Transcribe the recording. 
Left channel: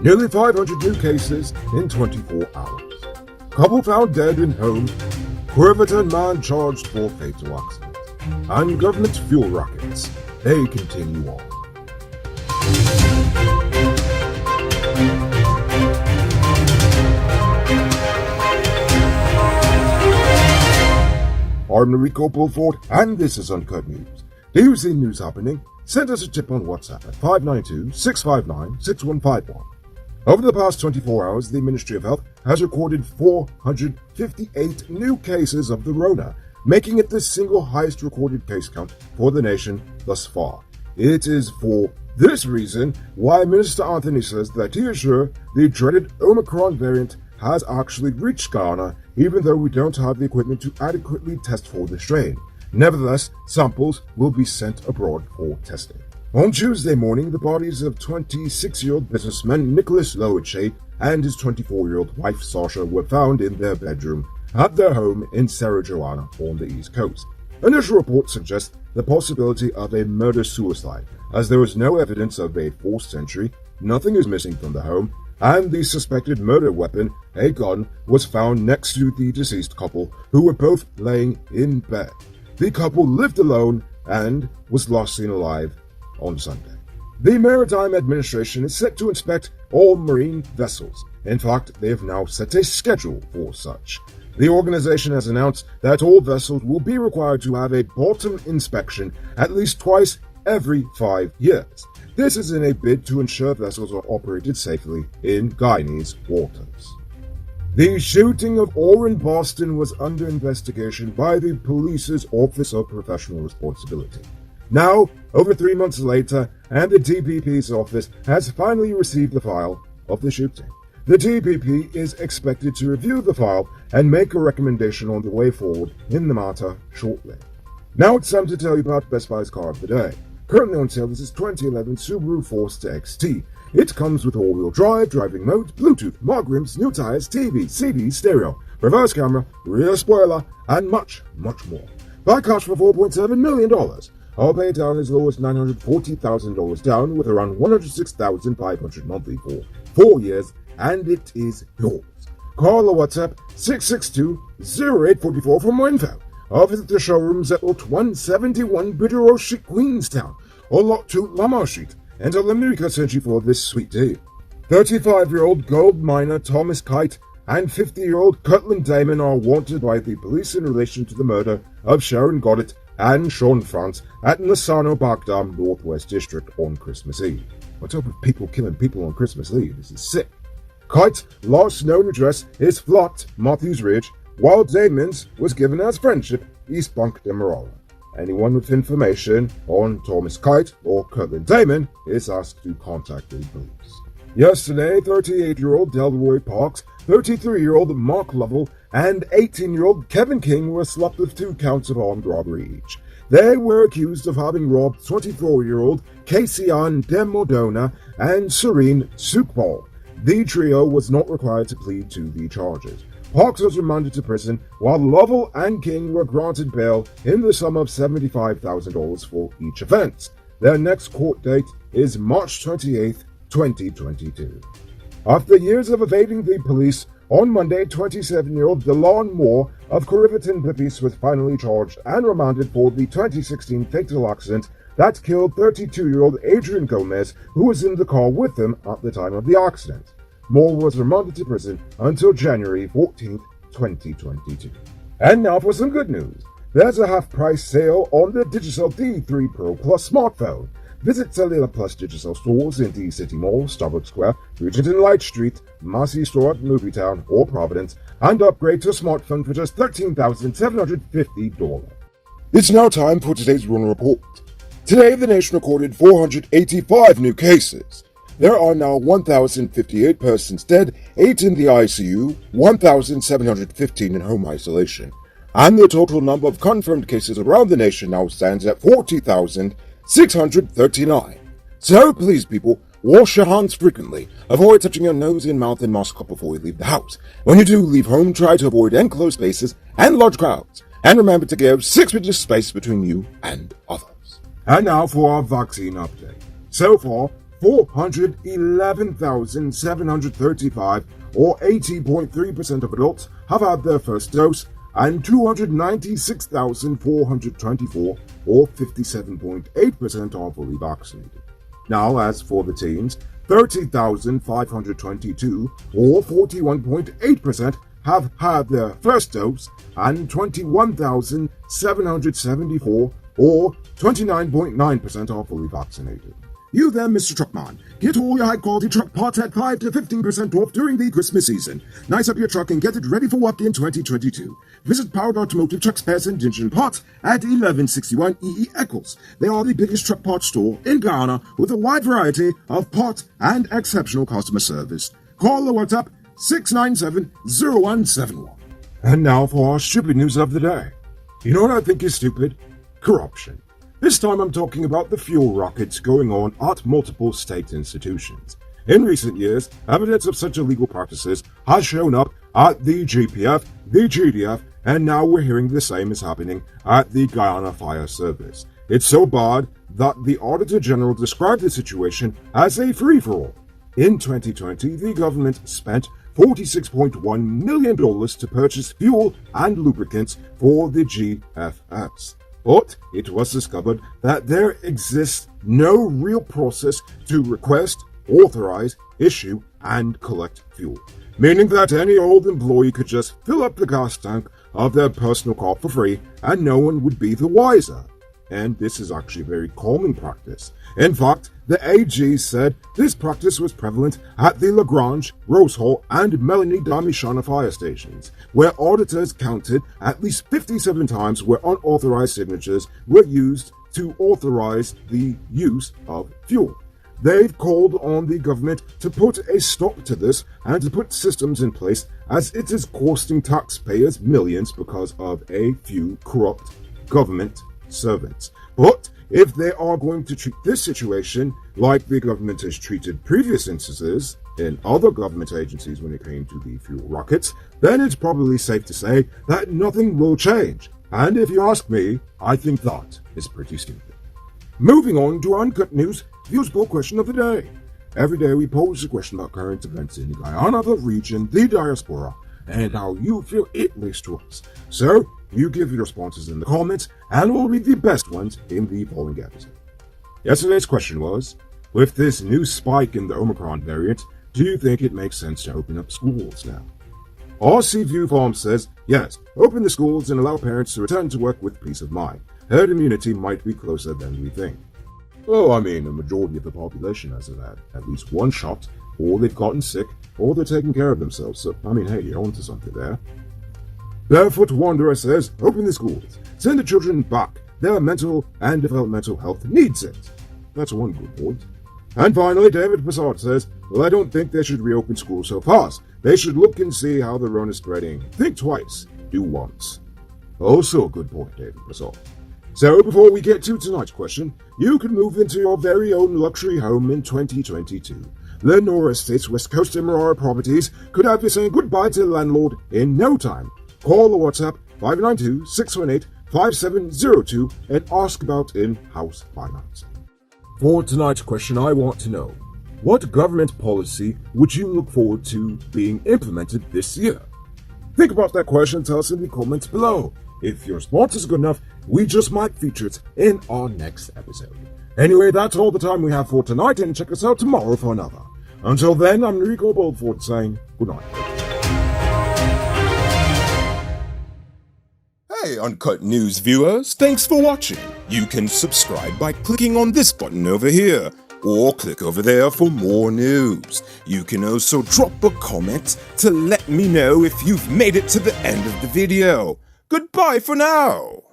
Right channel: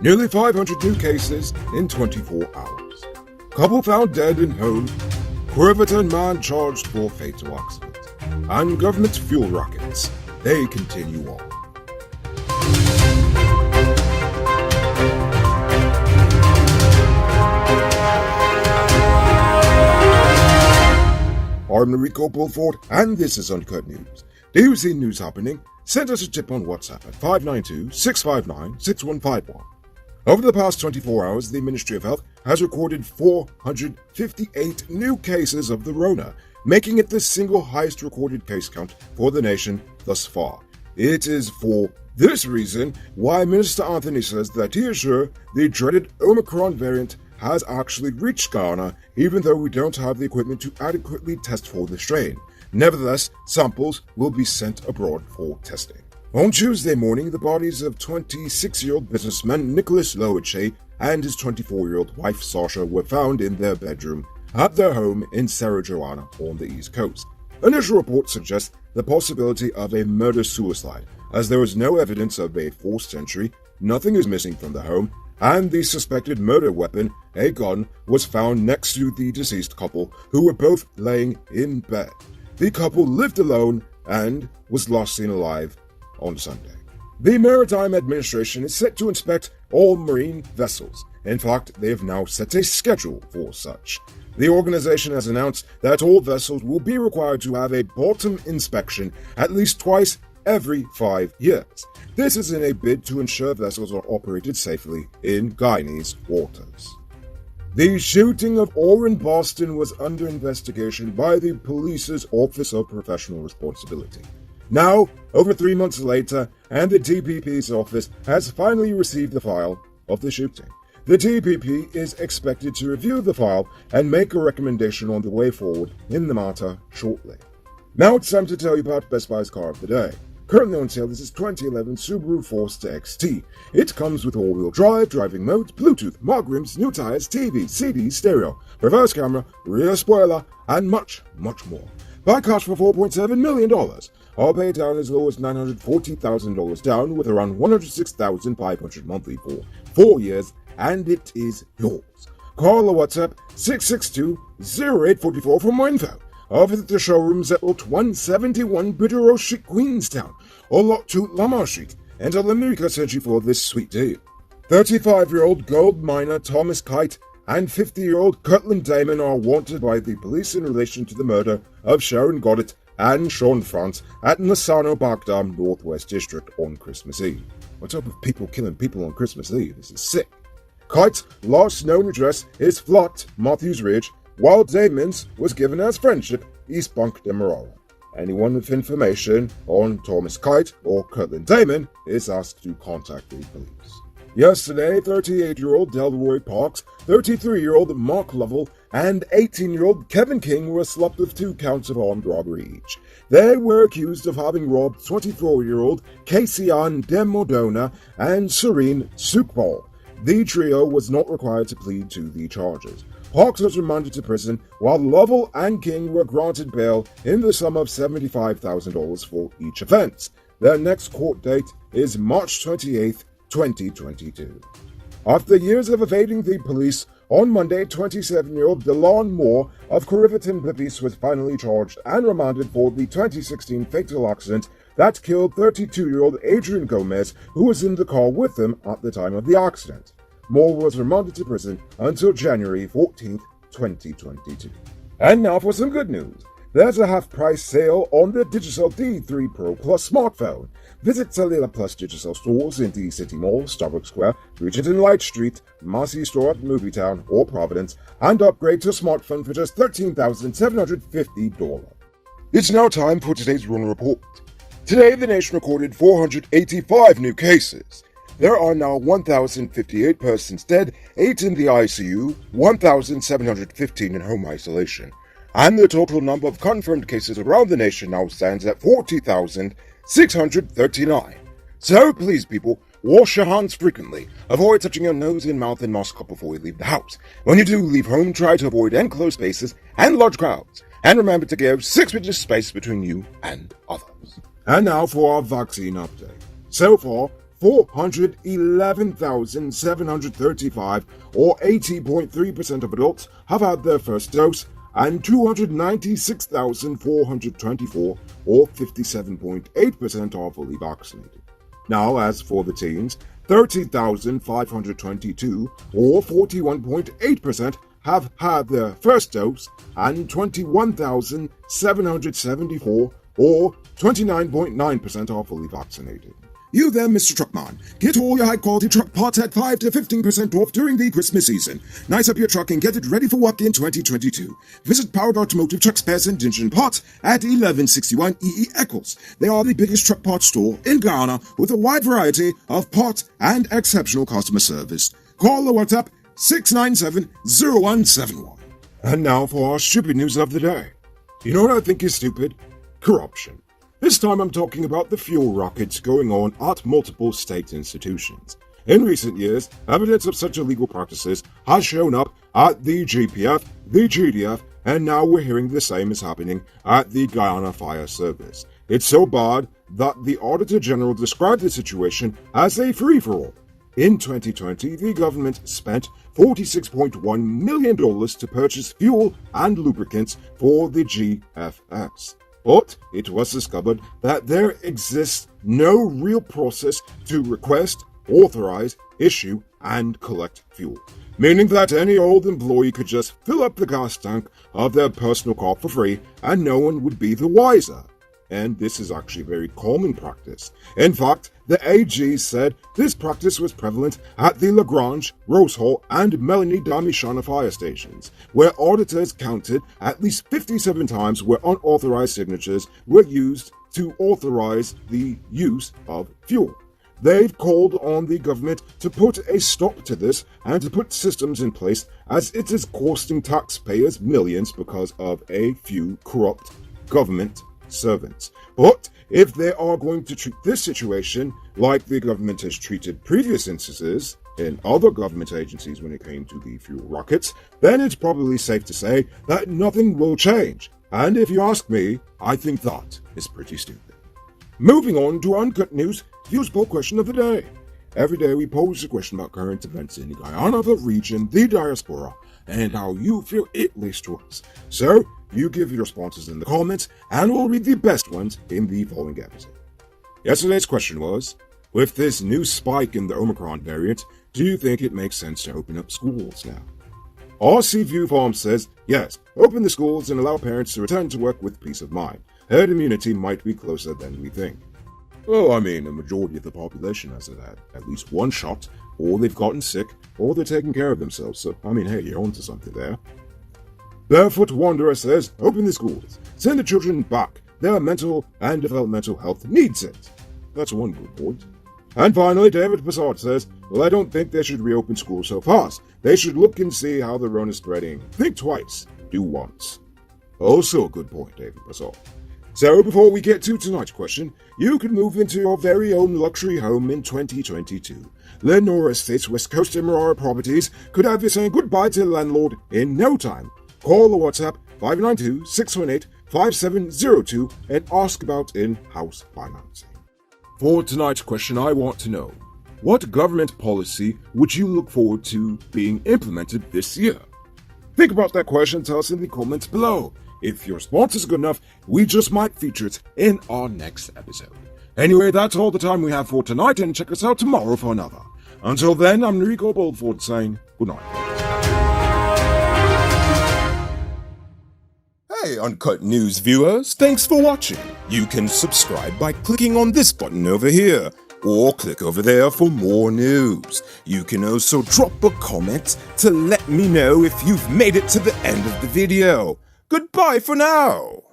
Nearly 500 new cases in 24 hours. Couple found dead in home. Corriverton man charged for fatal accident. And government fuel rockets. They continue on. I'm Rico Bulford, and this is Uncut News. Do you see news happening? Send us a tip on WhatsApp at 592-659-6151. Over the past 24 hours, the Ministry of Health has recorded 458 new cases of the Rona, making it the single highest recorded case count for the nation thus far. It is for this reason why Minister Anthony says that he is sure the dreaded Omicron variant has actually reached Guyana, even though we don't have the equipment to adequately test for the strain. Nevertheless, samples will be sent abroad for testing. On Tuesday morning, the bodies of 26-year-old businessman Nicholas Lowache and his 24-year-old wife Sasha were found in their bedroom at their home in Cerro Joana on the East Coast. Initial reports suggest the possibility of a murder-suicide, as there is no evidence of a forced entry, nothing is missing from the home, and the suspected murder weapon, a gun, was found next to the deceased couple, who were both laying in bed. The couple lived alone and was last seen alive on Sunday. The Maritime Administration is set to inspect all marine vessels. In fact, they have now set a schedule for such. The organization has announced that all vessels will be required to have a bottom inspection at least twice every 5 years. This is in a bid to ensure vessels are operated safely in Guyanese waters. The shooting of Orrin Boston was under investigation by the police's Office of Professional Responsibility. Now, over 3 months later, and the DPP's office has finally received the file of the shooting. The DPP is expected to review the file and make a recommendation on the way forward in the matter shortly. Now it's time to tell you about Best Buy's car of the day. Currently on sale is this 2011 Subaru Forester XT. It comes with all-wheel drive, driving mode, Bluetooth, mag rims, new tires, TV, CD, stereo, reverse camera, rear spoiler, and much, much more. Buy cash for $4.7 million. I'll pay down as low as $940,000 down with around $106,500 monthly for 4 years, and it is yours. Call or WhatsApp 662-0844 for more info. Or visit the showrooms at Lot 171 Bidero Street, Queenstown, or Lot 2 Lamar Street, and tell them America sent you for this sweet deal. 35-year-old gold miner Thomas Kite and 50-year-old Kirtland Damon are wanted by the police in relation to the murder of Sharon Goddard and Sean France at Nassano Bagdam Northwest District on Christmas Eve. What type of people killing people on Christmas Eve? This is sick. Kite's last known address is Flat Matthews Ridge, while Damon's was given as Friendship, East Bank Demerara. Anyone with information on Thomas Kite or Kirtland Damon is asked to contact the police. Yesterday, 38-year-old Delroy Parks, 33-year-old Mark Lovell, and 18-year-old Kevin King were slapped with 2 counts of armed robbery each. They were accused of having robbed 24-year-old Casey-Ann Demodona and Serene Sukbal. The trio was not required to plead to the charges. Parks was remanded to prison, while Lovell and King were granted bail in the sum of $75,000 for each offense. Their next court date is March 28, 2022. After years of evading the police, on Monday, 27-year-old Delon Moore of Corriverton Bippies was finally charged and remanded for the 2016 fatal accident that killed 32-year-old Adrian Gomez, who was in the car with him at the time of the accident. Moore was remanded to prison until January 14, 2022. And now for some good news. There's a half-price sale on the Digicel D3 Pro Plus smartphone. Visit Cellular Plus Digicel stores in the City Mall, Starbucks Square, Regent and Light Street, Massey Store at Movietown, or Providence, and upgrade to a smartphone for just $13,750. It's now time for today's Rona Report. Today, the nation recorded 485 new cases. There are now 1,058 persons dead, 8 in the ICU, 1,715 in home isolation. And the total number of confirmed cases around the nation now stands at 40,639. So please, people, wash your hands frequently. Avoid touching your nose and mouth and mask up before you leave the house. When you do leave home, try to avoid enclosed spaces and large crowds. And remember to give 6 feet of space between you and others. And now for our vaccine update. So far, 411,735, or 80.3% of adults, have had their first dose, and 296,424, or 57.8%, are fully vaccinated. Now, as for the teens, 30,522, or 41.8%, have had their first dose, and 21,774, or 29.9%, are fully vaccinated. You there, Mr. Truckman. Get all your high-quality truck parts at 5 to 15% off during the Christmas season. Nice up your truck and get it ready for work in 2022. Visit Powered Automotive Truck Spares and Engine Parts at 1161 EE Eccles. They are the biggest truck parts store in Guyana with a wide variety of parts and exceptional customer service. Call or WhatsApp 697-0171. And now for our stupid news of the day. You know what I think is stupid? Corruption. This time I'm talking about the fuel rockets going on at multiple state institutions. In recent years, evidence of such illegal practices has shown up at the GPF, the GDF, and now we're hearing the same is happening at the Guyana Fire Service. It's so bad that the Auditor General described the situation as a free-for-all. In 2020, the government spent $46.1 million to purchase fuel and lubricants for the GFS. But it was discovered that there exists no real process to request, authorize, issue, and collect fuel, meaning that any old employee could just fill up the gas tank of their personal car for free and no one would be the wiser. And this is actually a very common practice. In fact, the AG said this practice was prevalent at the Lagrange, Rose Hall, and Melanie Damishana fire stations, where auditors counted at least 57 times where unauthorized signatures were used to authorize the use of fuel. They've called on the government to put a stop to this and to put systems in place, as it is costing taxpayers millions because of a few corrupt government servants. But if they are going to treat this situation like the government has treated previous instances in other government agencies when it came to the fuel rockets, then it's probably safe to say that nothing will change. And if you ask me, I think that is pretty stupid. Moving on to Uncut News, views poll question of the day. Every day we pose a question about current events in Guyana, the region, the diaspora, and how you feel it relates to us. So, you give your responses in the comments, and we'll read the best ones in the following episode. Yesterday's question was, with this new spike in the Omicron variant, do you think it makes sense to open up schools now? RC View Farm says, yes, open the schools and allow parents to return to work with peace of mind. Herd immunity might be closer than we think. Well, I mean, the majority of the population has had at least one shot, or they've gotten sick, or they're taking care of themselves, so, I mean, hey, you're onto something there. Barefoot Wanderer says, open the schools. Send the children back. Their mental and developmental health needs it. That's one good point. And finally, David Bassard says, well, I don't think they should reopen schools so fast. They should look and see how the run is spreading. Think twice. Do once. Also a good point, David Bassard. So before we get to tonight's question, you can move into your very own luxury home in 2022. Lenore Estates West Coast Emirara Properties could have you saying goodbye to the landlord in no time. Call or WhatsApp 592-618-5702 and ask about in-house financing. For tonight's question, I want to know, what government policy would you look forward to being implemented this year? Think about that question and tell us in the comments below. If your response is good enough, we just might feature it in our next episode. Anyway, that's all the time we have for tonight, and check us out tomorrow for another. Until then, I'm Rico Boldford saying good night. Hey Uncut News viewers, thanks for watching. You can subscribe by clicking on this button over here, or click over there for more news. You can also drop a comment to let me know if you've made it to the end of the video. Goodbye for now.